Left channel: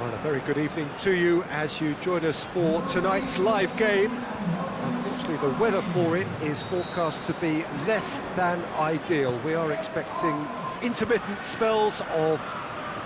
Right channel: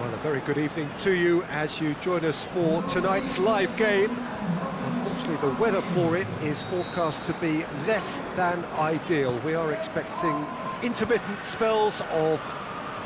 Well, a very good evening to you as you join us for tonight's live game. Unfortunately, the weather for it is forecast to be less than ideal. We are expecting intermittent spells of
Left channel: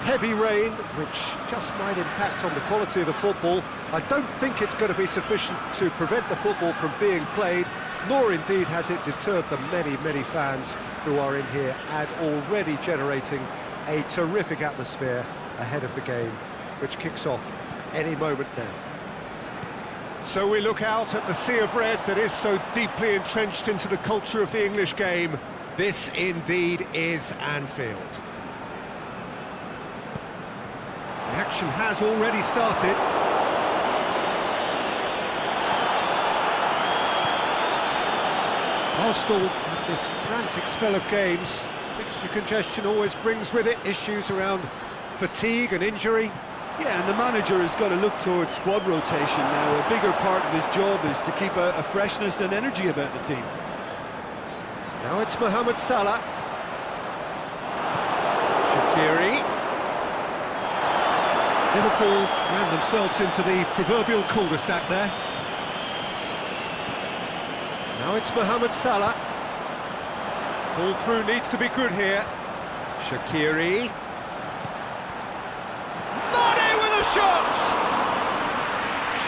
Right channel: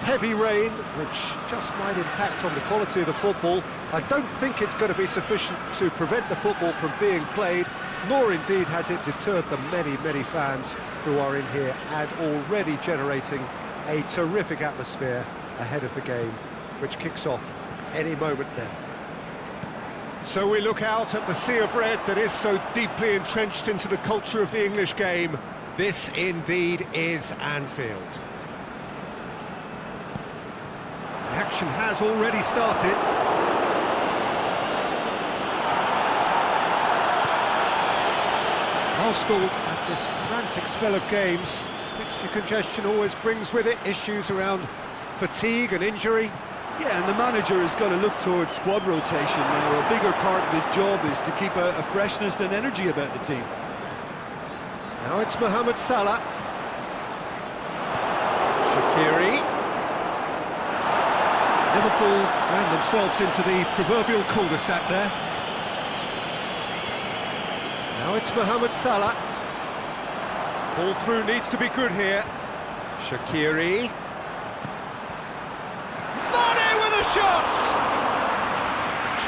heavy rain, which just might impact on the quality of the football. I don't think it's going to be sufficient to prevent the football from being played, nor indeed has it deterred the many fans who are in here and already generating a terrific atmosphere ahead of the game, which kicks off any moment now. So we look out at the sea of red that is so deeply entrenched into the culture of the English game. This indeed is Anfield. The action has already started. Arsenal have this frantic spell of games. Fixture congestion always brings with it issues around fatigue and injury. Yeah, and the manager has got to look towards squad rotation now. A bigger part of his job is to keep a freshness and energy about the team. Now it's Mohamed Salah. Shaqiri. Liverpool ran themselves into the proverbial cul-de-sac there. Now it's Mohamed Salah. Ball through needs to be good here. Shaqiri. Mane with a shot!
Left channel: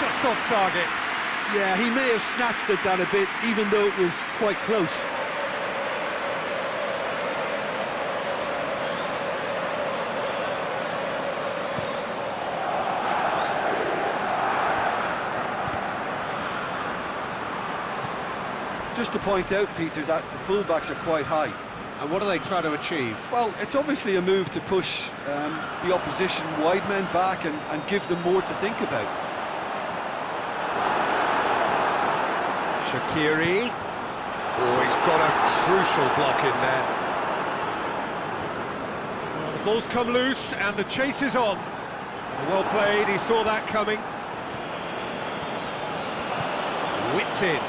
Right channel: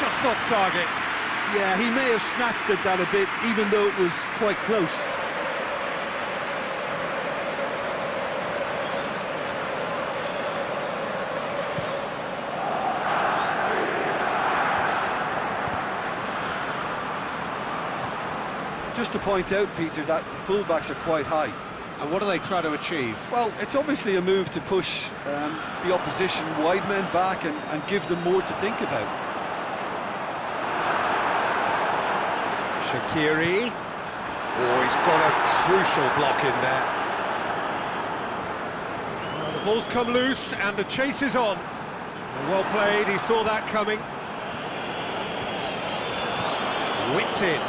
Just off target. Yeah, he may have snatched at that a bit, even though it was quite close. Just to point out, Peter, that the fullbacks are quite high. And what do they try to achieve? Well, it's obviously a move to push the opposition wide men back and give them more to think about. Shaqiri. Oh, he's got a crucial block in there. Well, the ball's come loose and the chase is on. Well played, he saw that coming. Whipped in.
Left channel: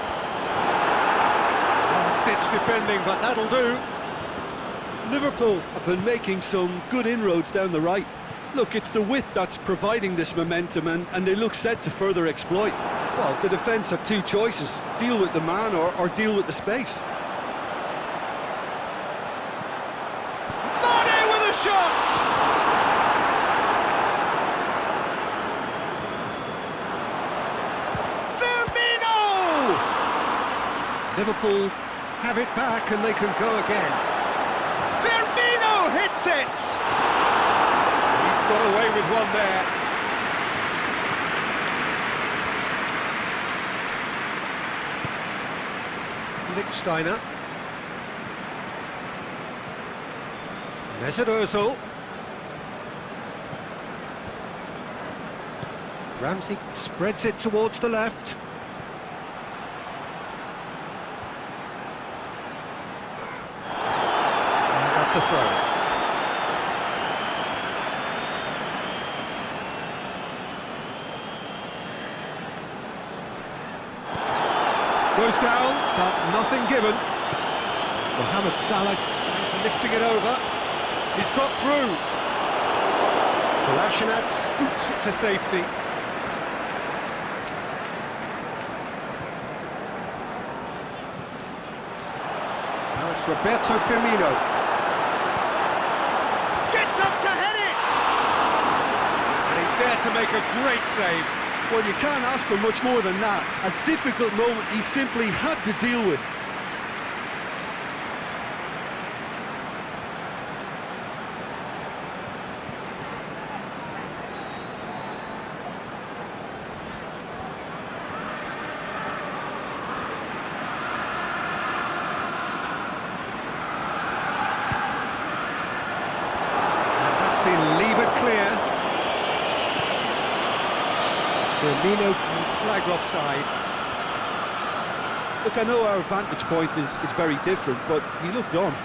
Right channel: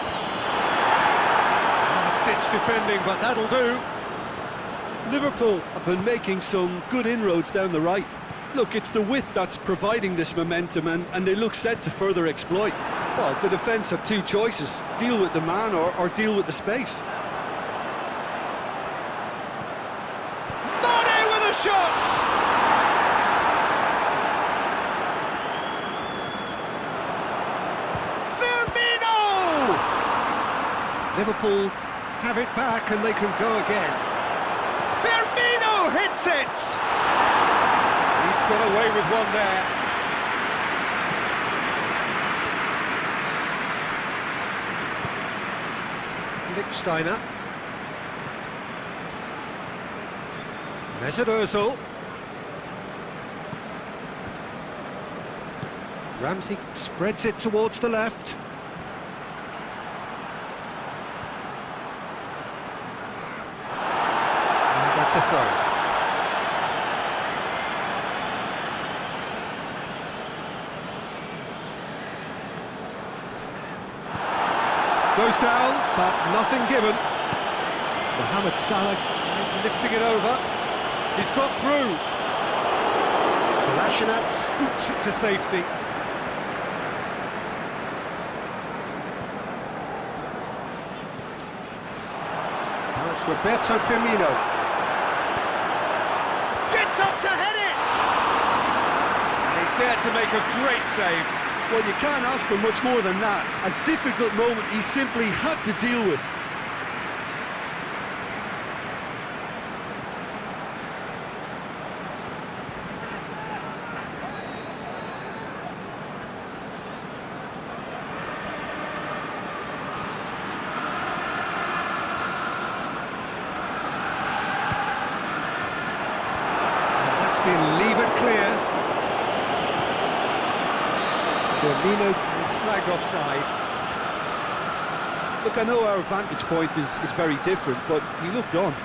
Last-ditch defending, but that'll do. Liverpool have been making some good inroads down the right. Look, it's the width that's providing this momentum, and they look set to further exploit. Well, the defence have two choices: deal with the man or deal with the space. Mane with a shot! Firmino! Liverpool have it back and they can go again. Firmino hits it! He's got away with one there. Lichtsteiner. Mesut Ozil. Ramsey spreads it towards the left. And that's a throw. Goes down, but nothing given. Mohamed Salah tries lifting it over. He's got through. Kolasinac scoops it to safety. Now it's Roberto Firmino. Gets up to head it! And he's there to make a great save. Well, you can't ask for much more than that. A difficult moment he simply had to deal with. And that's been levered clear. Firmino is flagged offside. Look, I know our vantage point is very different, but he looked on.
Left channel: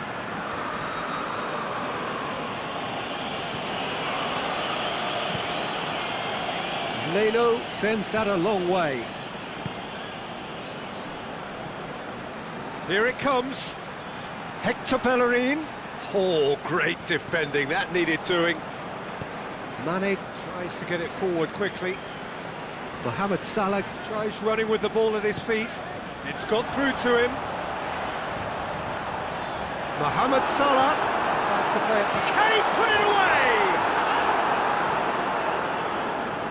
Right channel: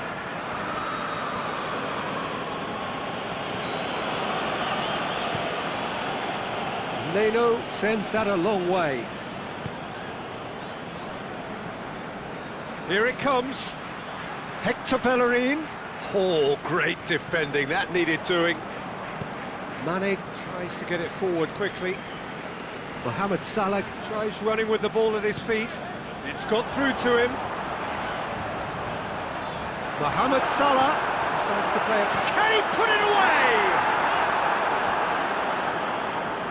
Leno sends that a long way. Here it comes. Hector Bellerin. Oh, great defending. That needed doing. Mane tries to get it forward quickly. Mohamed Salah tries running with the ball at his feet. It's got through to him. Mohamed Salah decides to play it. Can he put it away?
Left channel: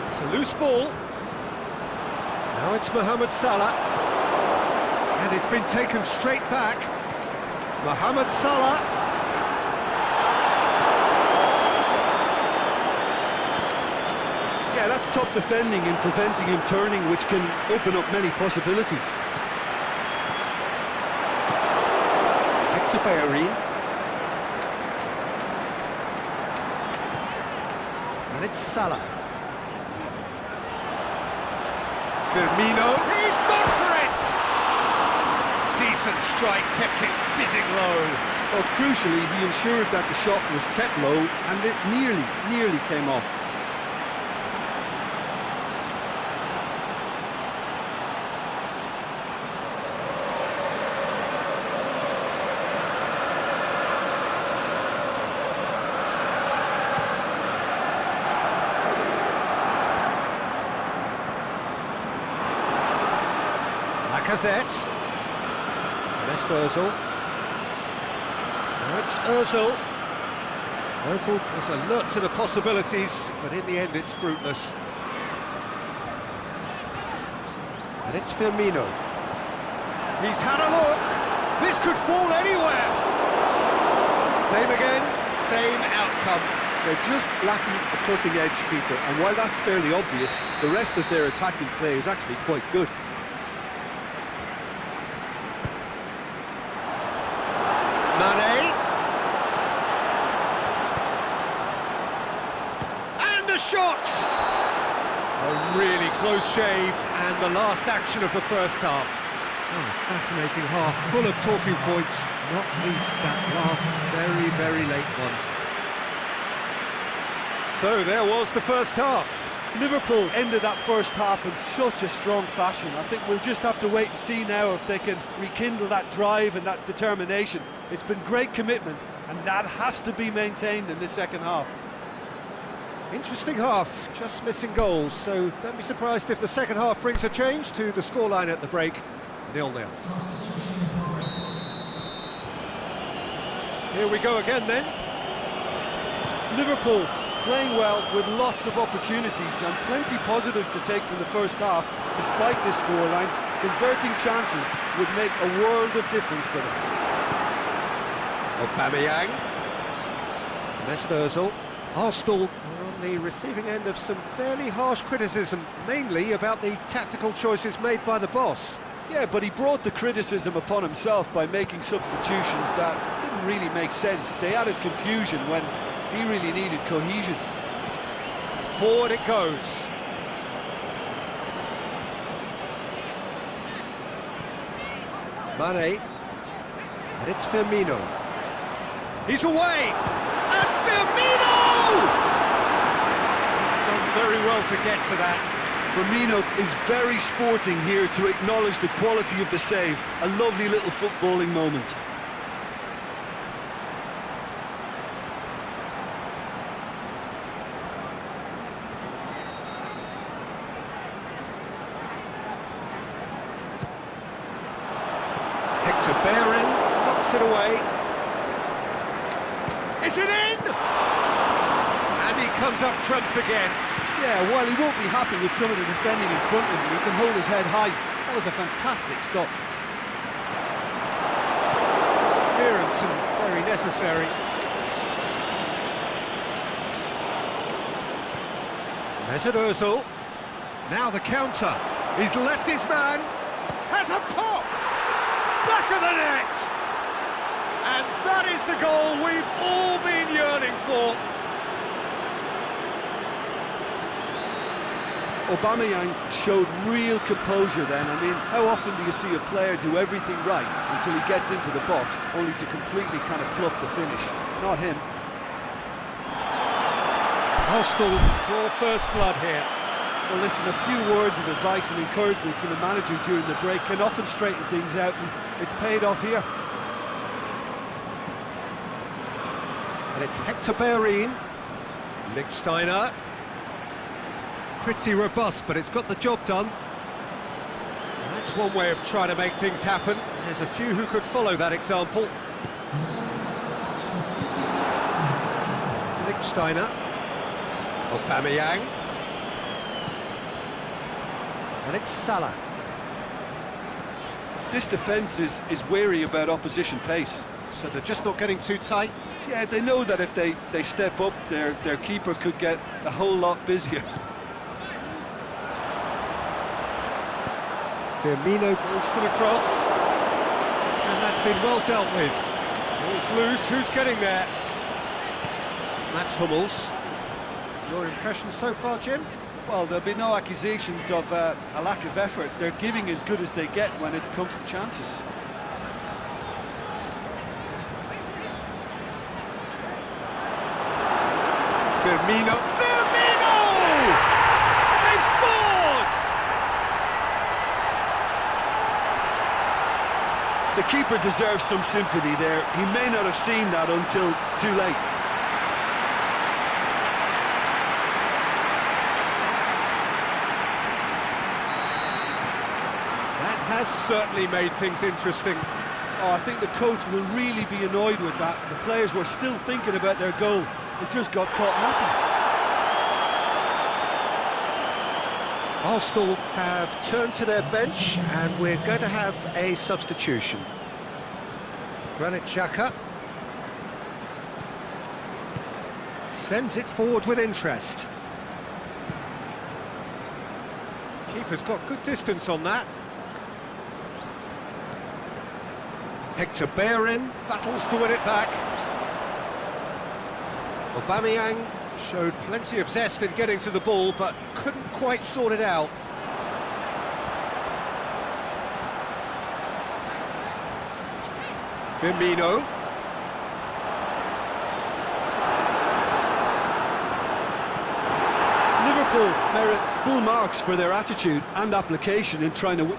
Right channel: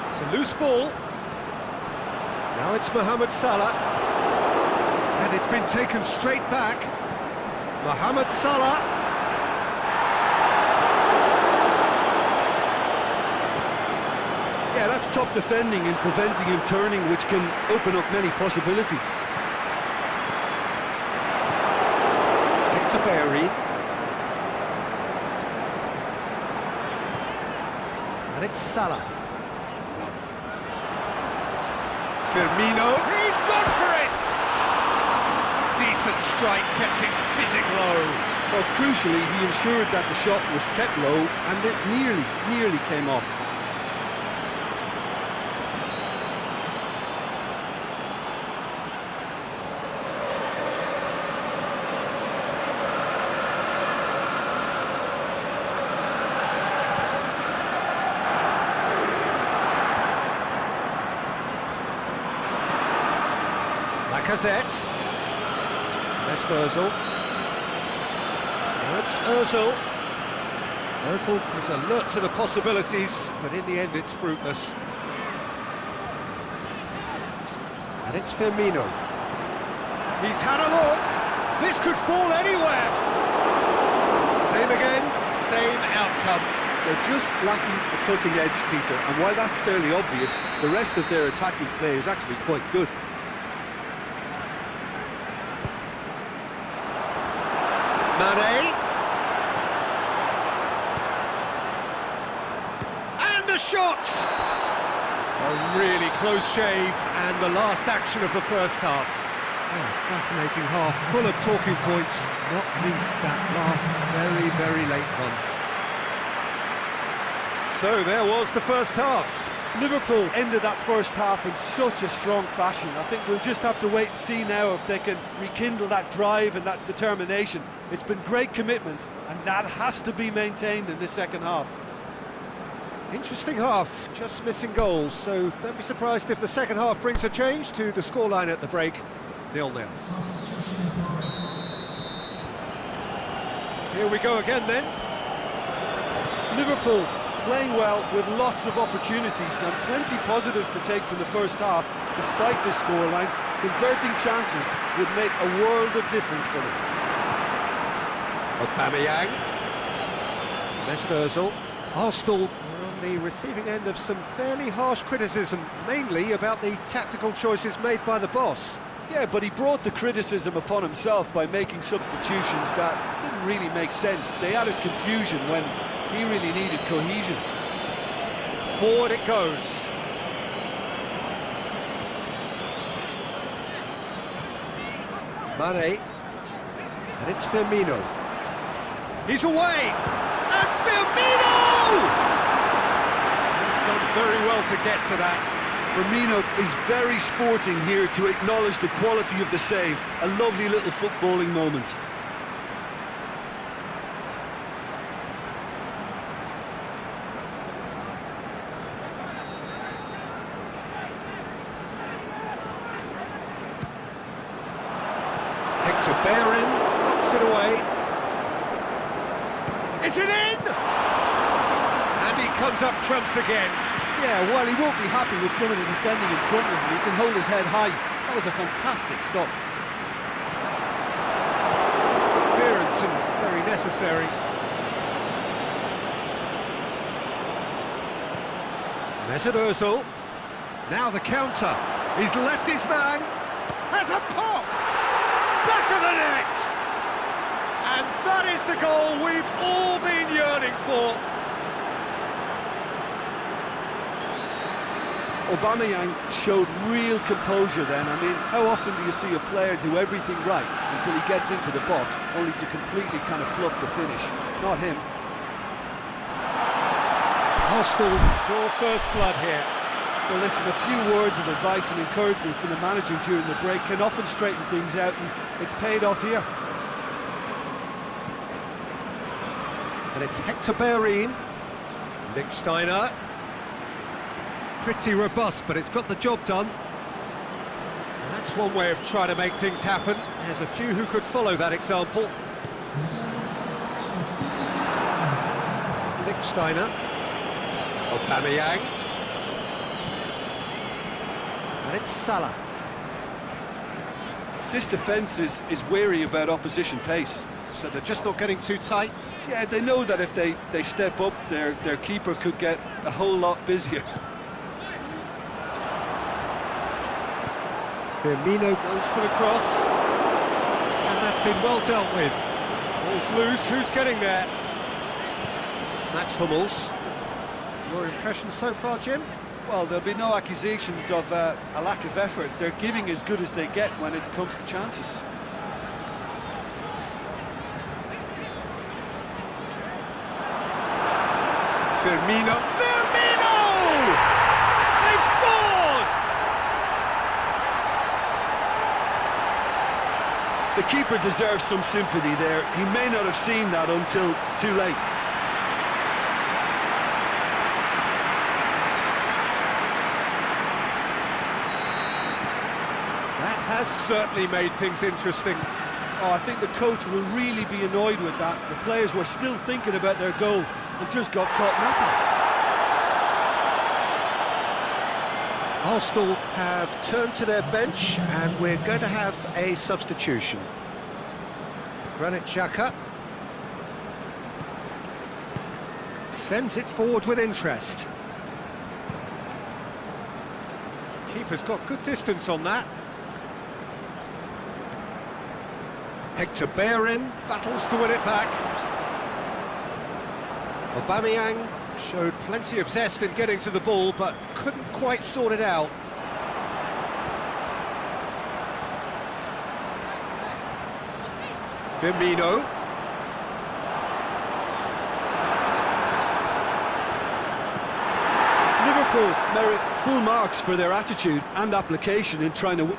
It's a loose ball. Now it's Mohamed Salah. And it's been taken straight back. Mohamed Salah. Yeah, that's top defending and preventing him turning, which can open up many possibilities. Hector Bellerin. And it's Salah. Firmino. He's gone for it! Decent strike, kept it fizzing low. Well, crucially, he ensured that the shot was kept low and it nearly came off. Lacazette. Mesut Ozil. Now it's Ozil. Ozil is alert to the possibilities, but in the end it's fruitless. And it's Firmino. He's had a look. This could fall anywhere. Same again, same outcome. They're just lacking a cutting edge, Peter, and while that's fairly obvious, the rest of their attacking play is actually quite good. Mane. And a shot! A really close shave, and the last action of the first half. So, a fascinating half, full of talking points, not least that last very late one. So there was the first half. Liverpool ended that first half in such a strong fashion. I think we'll just have to wait and see now if they can rekindle that drive and that determination. It's been great commitment, and that has to be maintained in this second half. Interesting half, just missing goals, so don't be surprised if the second half brings a change to the scoreline at the break, 0-0. Here we go again then. Liverpool playing well with lots of opportunities and plenty positives to take from the first half. Despite this scoreline, converting chances would make a world of difference for them. Aubameyang. Mesut Ozil. Arsenal are on the receiving end of some fairly harsh criticism, mainly about the tactical choices made by the boss. Yeah, but he brought the criticism upon himself by making substitutions that didn't really make sense. They added confusion when he really needed cohesion. Forward it goes. Mane. And it's Firmino. He's away! And Firmino! He's done very well to get to that. Firmino is very sporting here to acknowledge the quality of the save. A lovely little footballing moment. Hector Bellerin knocks it away. Is it in? And he comes up trumps again. Yeah, while he won't be happy with some of the defending in front of him, he can hold his head high. That was a fantastic stop. Good clearance and very necessary. Mesut Ozil. Now the counter. He's left his man. Has a pop! Back of the net! And that is the goal we've all been yearning for. Aubameyang showed real composure then. I mean, how often do you see a player do everything right until he gets into the box, only to completely kind of fluff the finish? Not him. Arsenal draw first blood here. Well, listen, a few words of advice and encouragement from the manager during the break can often straighten things out, and it's paid off here. And it's Hector Bellerin. Lichtsteiner. Pretty robust, but it's got the job done. That's one way of trying to make things happen. There's a few who could follow that example. Lichtsteiner. Aubameyang. And it's Salah. This defence is wary about opposition pace. So they're just not getting too tight. Yeah, they know that if they step up, their keeper could get a whole lot busier. Firmino goes for the cross. And that's been well dealt with. Ball's loose, who's getting there? That's Hummels. Your impression so far, Jim? Well, there'll be no accusations of a lack of effort. They're giving as good as they get when it comes to chances. Firmino! They've scored! The keeper deserves some sympathy there. He may not have seen that until too late. That has certainly made things interesting. Oh, I think the coach will really be annoyed with that. The players were still thinking about their goal and just got caught napping. Arsenal have turned to their bench and we're going to have a substitution. Granit Xhaka sends it forward with interest. Keeper's got good distance on that. Hector Bellerin battles to win it back. Aubameyang showed plenty of zest in getting to the ball, but couldn't quite sort it out. Firmino. Liverpool merit full marks for their attitude and application in trying to...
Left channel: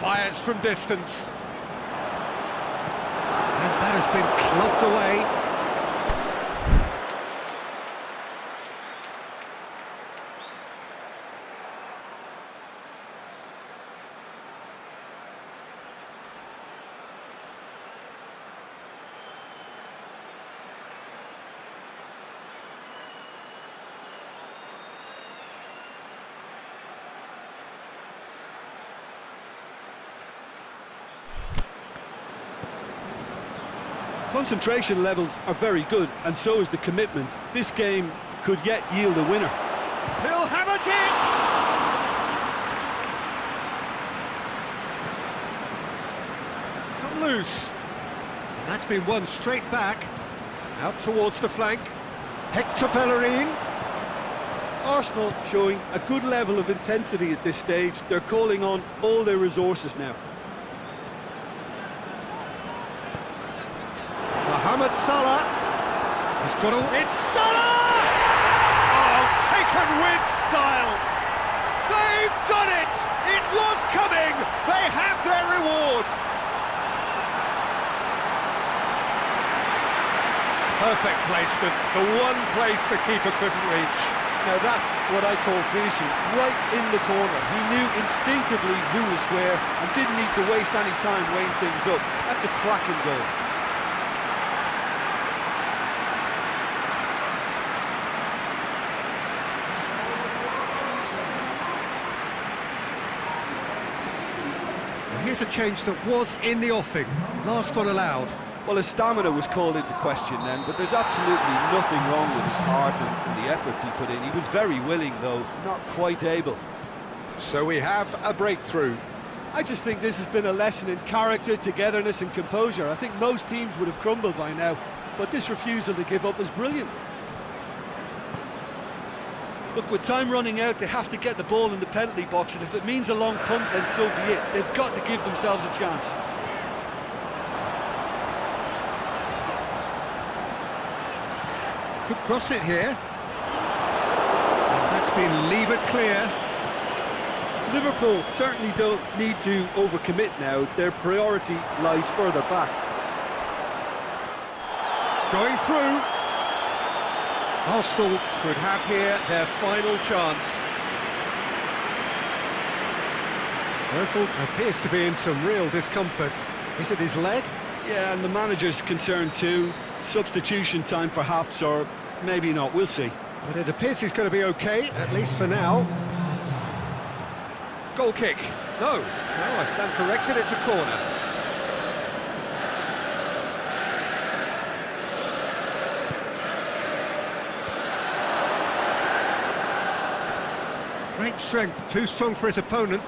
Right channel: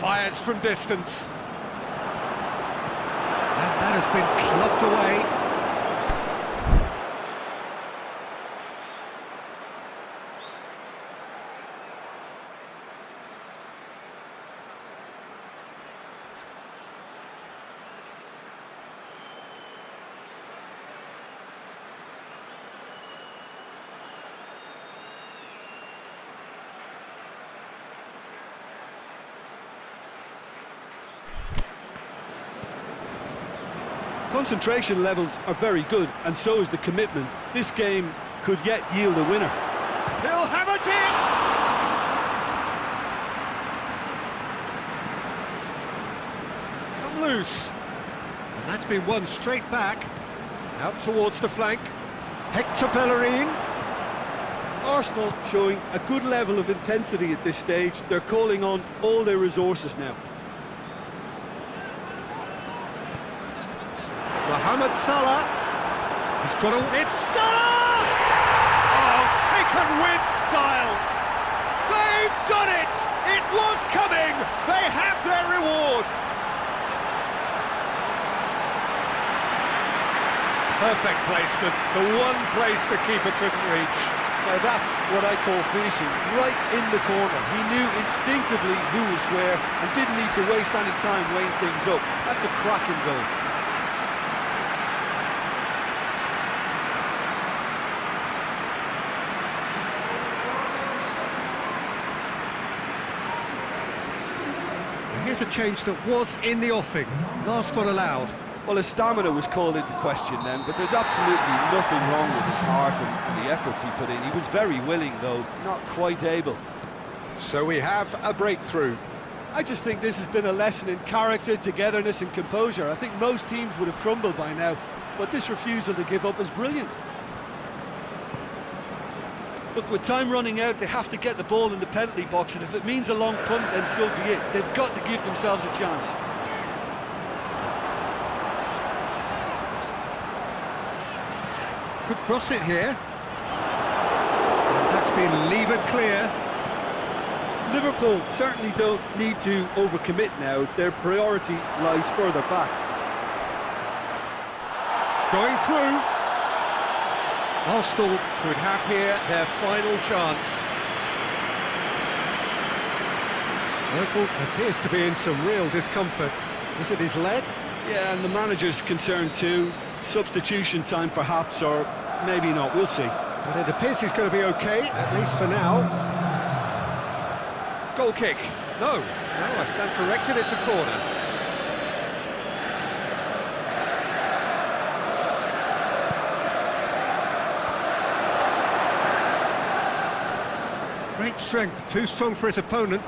Fires from distance. And that has been clubbed away. Concentration levels are very good, and so is the commitment. This game could yet yield a winner. He'll have a dip! It's come loose. And that's been won straight back. Out towards the flank. Hector Bellerin. Arsenal showing a good level of intensity at this stage. They're calling on all their resources now. Mohamed Salah. He's got a... It's Salah! Oh, taken with style. They've done it! It was coming! They have their reward! Perfect placement. The one place the keeper couldn't reach. Now that's what I call finishing, right in the corner. He knew instinctively who was where and didn't need to waste any time weighing things up. That's a cracking goal. Here's a change that was in the offing. Last one allowed. Well, his stamina was called into question then, but there's absolutely nothing wrong with his heart and the efforts he put in. He was very willing, though, not quite able. So we have a breakthrough. I just think this has been a lesson in character, togetherness and composure. I think most teams would have crumbled by now, but this refusal to give up is brilliant. Look, with time running out, they have to get the ball in the penalty box, and if it means a long punt, then so be it. They've got to give themselves a chance. Could cross it here. And that's been levered clear. Liverpool certainly don't need to overcommit now. Their priority lies further back. Going through. Arsenal could have here their final chance. Ozil appears to be in some real discomfort. Is it his leg? Yeah, and the manager's concerned too. Substitution time perhaps, or maybe not, we'll see. But it appears he's going to be okay, at least for now. Goal kick. No, I stand corrected, it's a corner. Great strength, too strong for his opponent.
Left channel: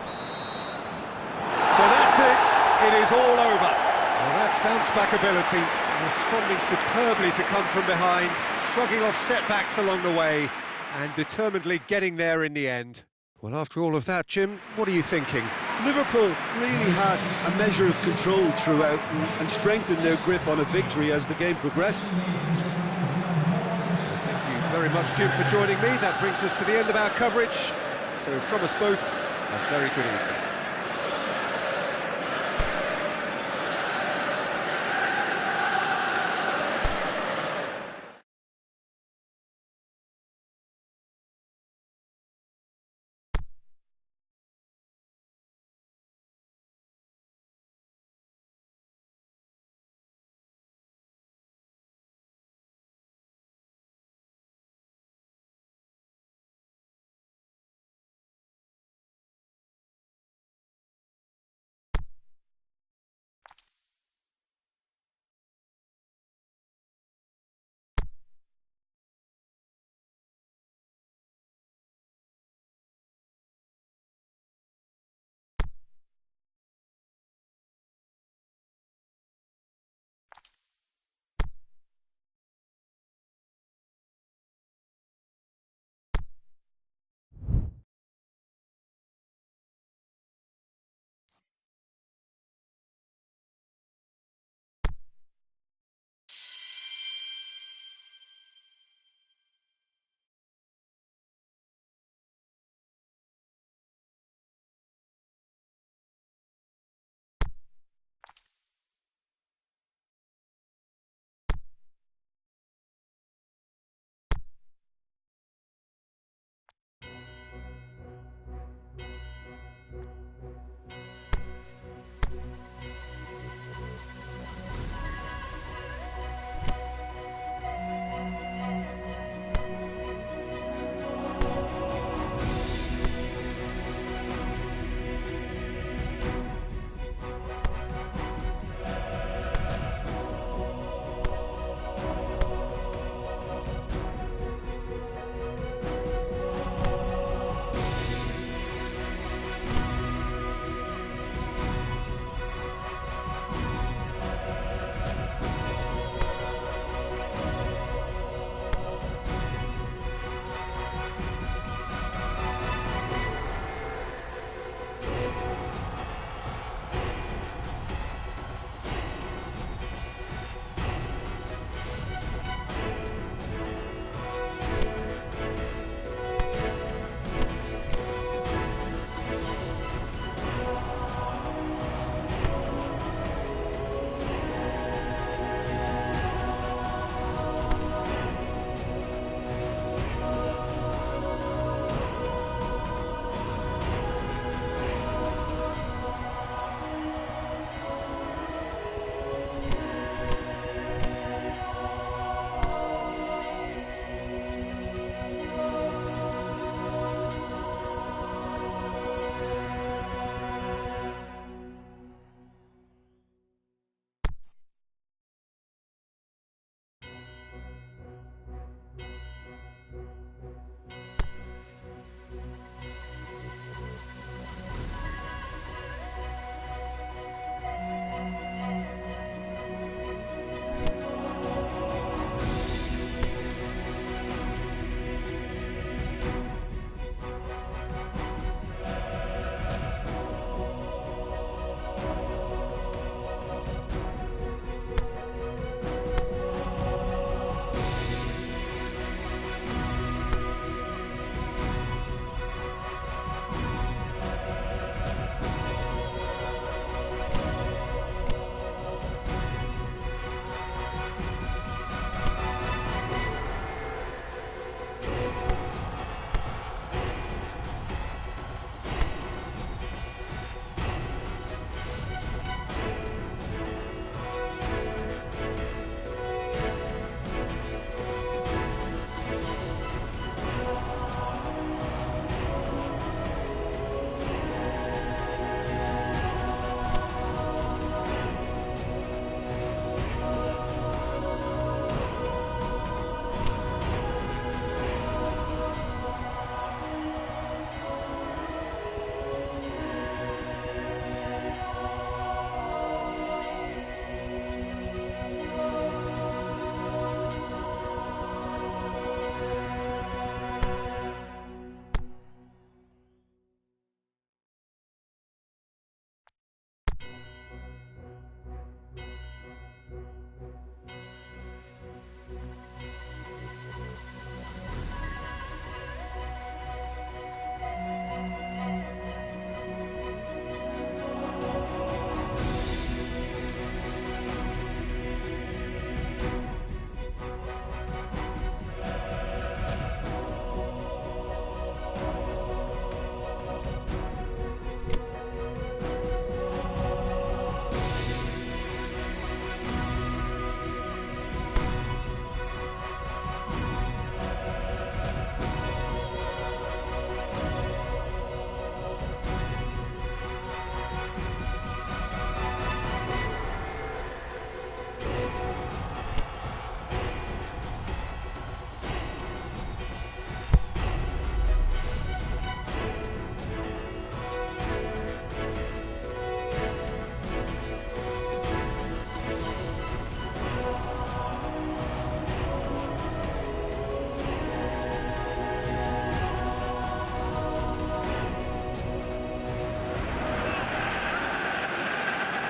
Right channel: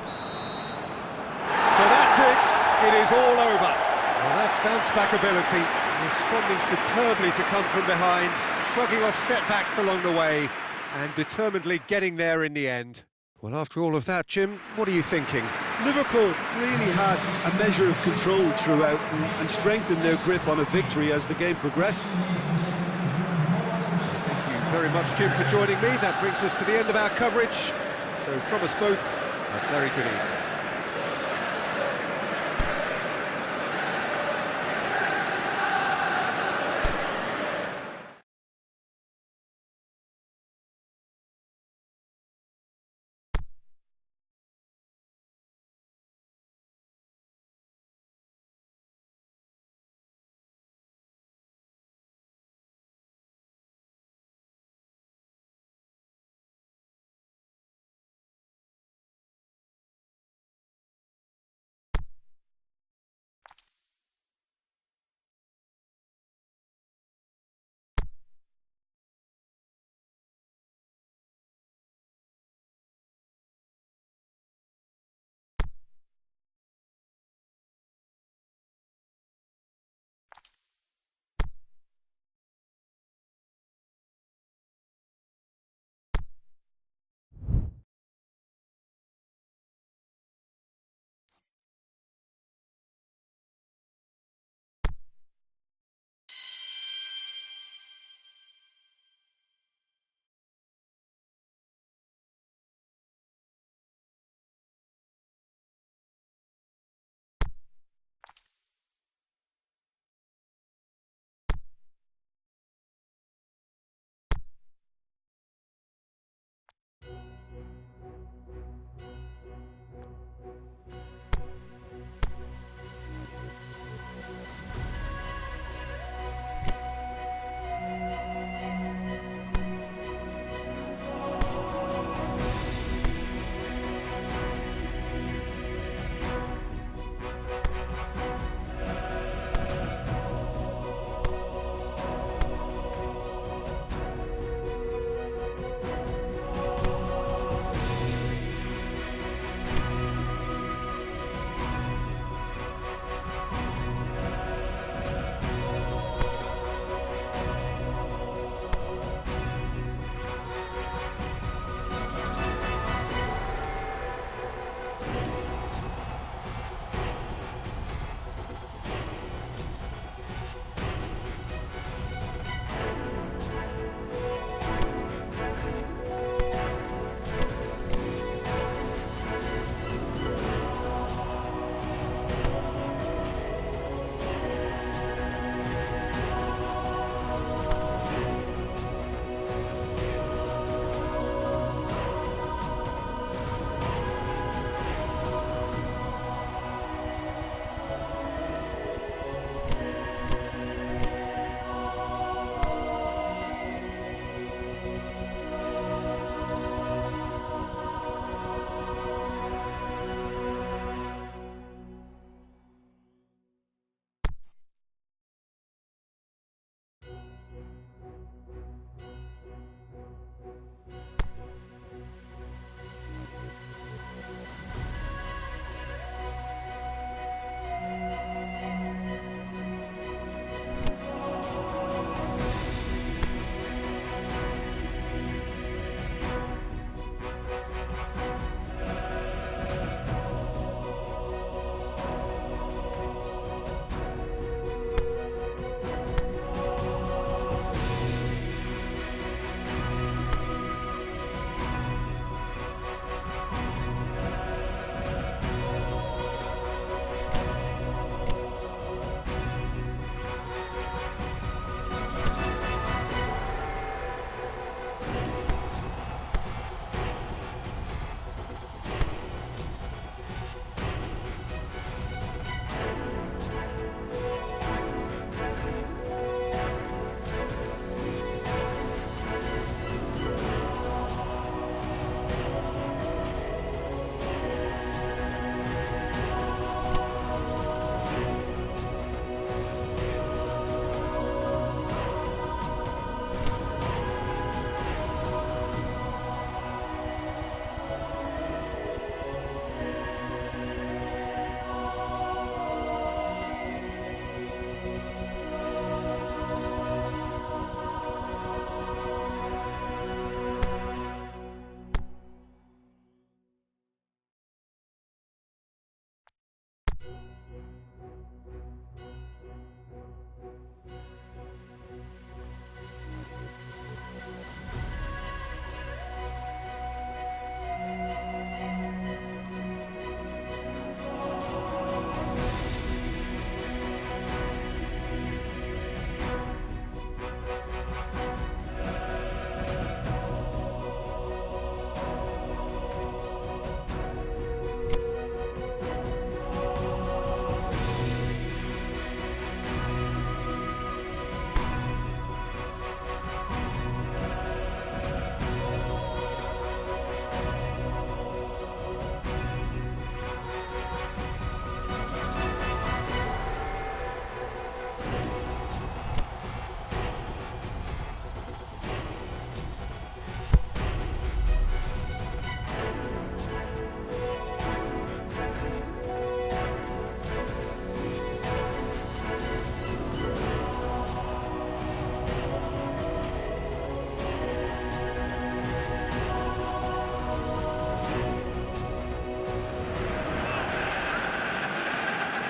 So that's it, it is all over. Well, that's bounce-back ability, responding superbly to come from behind, shrugging off setbacks along the way, and determinedly getting there in the end. Well, after all of that, Jim, what are you thinking? Liverpool really had a measure of control throughout and strengthened their grip on a victory as the game progressed. Thank you very much, Jim, for joining me. That brings us to the end of our coverage. So from us both, a very good evening.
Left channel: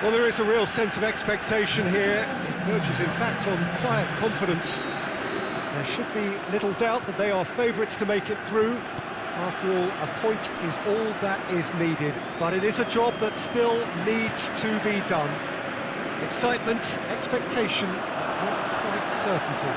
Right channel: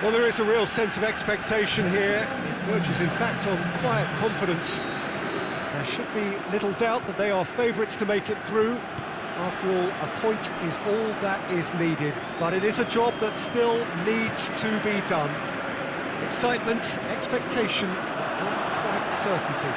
Well, there is a real sense of expectation here. It verges, in fact, on quiet confidence. There should be little doubt that they are favourites to make it through. After all, a point is all that is needed, but it is a job that still needs to be done. Excitement, expectation, but not quite certainty.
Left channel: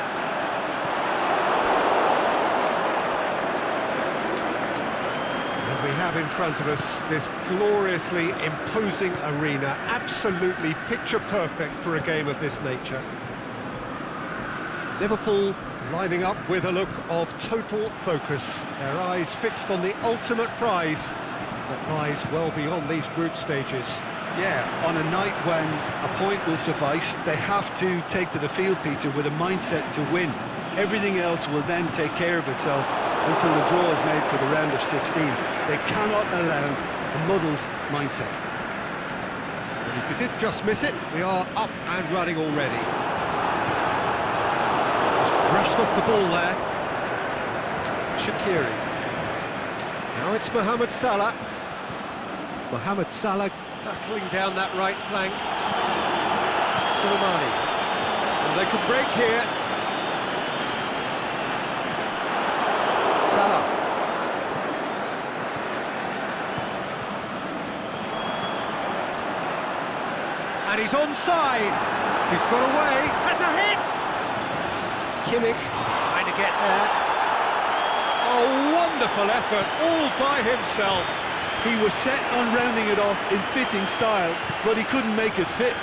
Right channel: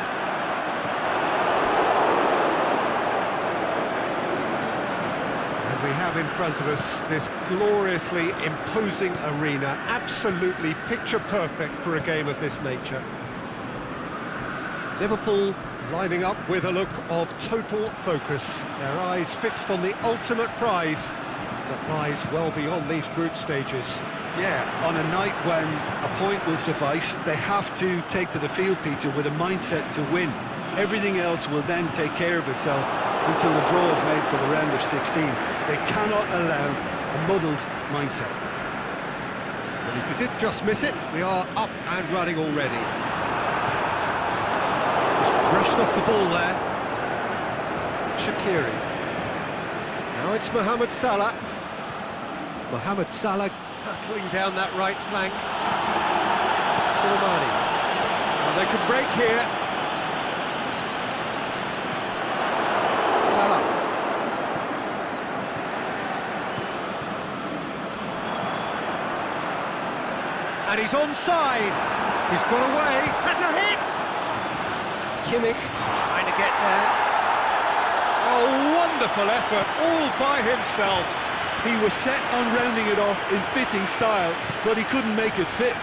And we have in front of us this gloriously imposing arena, absolutely picture-perfect for a game of this nature. Liverpool lining up with a look of total focus, their eyes fixed on the ultimate prize that lies well beyond these group stages. Yeah, on a night when a point will suffice, they have to take to the field, Peter, with a mindset to win. Everything else will then take care of itself until the draw is made for the round of 16. They cannot allow a muddled mindset. But if you did just miss it, we are up and running already. Just brushed off the ball there. Shaqiri. Now it's Mohamed Salah. Mohamed Salah hurtling down that right flank. Soleimani. Well, they could break here. Salah. And he's onside. He's got away. Has a hit. Kimmich trying to get there. Oh, wonderful effort, all by himself. He was set on rounding it off in fitting style, but he couldn't make it fit.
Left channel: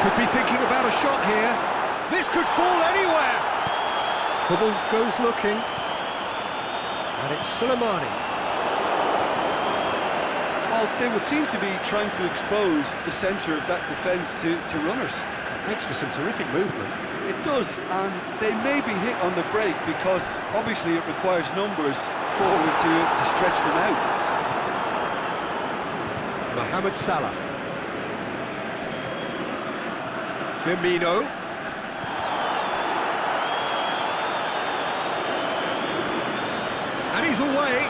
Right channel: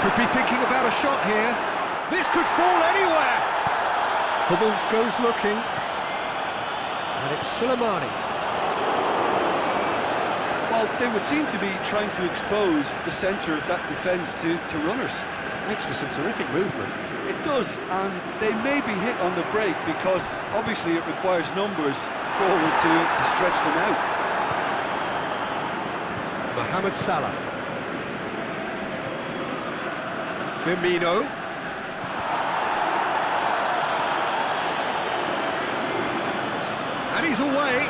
Could be thinking about a shot here. This could fall anywhere. Hummels goes looking. And it's Soleimani. Well, they would seem to be trying to expose the centre of that defence to runners. It makes for some terrific movement. It does, and they may be hit on the break because obviously it requires numbers forward to stretch them out. Mohamed Salah. Firmino. And he's away.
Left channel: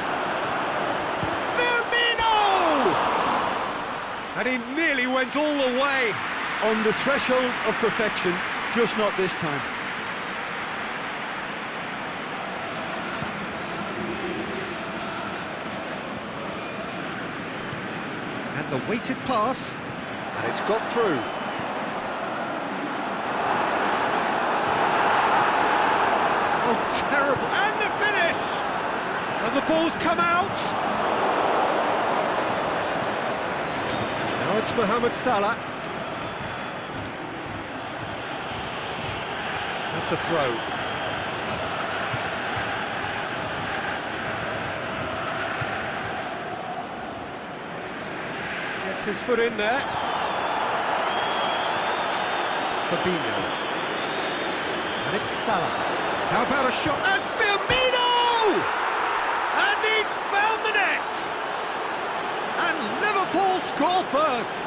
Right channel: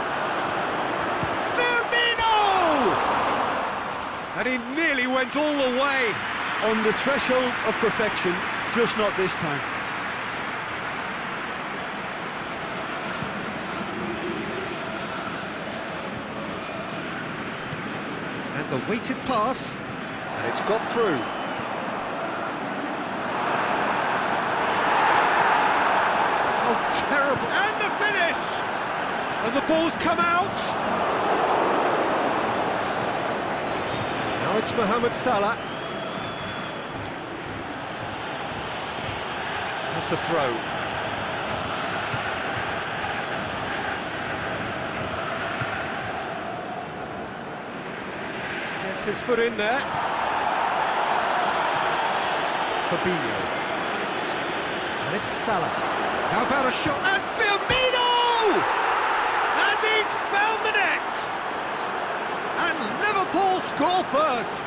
Firmino! And he nearly went all the way. On the threshold of perfection, just not this time. And the weighted pass, and it's got through. Oh, terrible. And the finish! And the ball's come out. Now it's Mohamed Salah. That's a throw. Gets his foot in there. Fabinho. And it's Salah. How about a shot? And Firmino! And he's found the net! And Liverpool score first!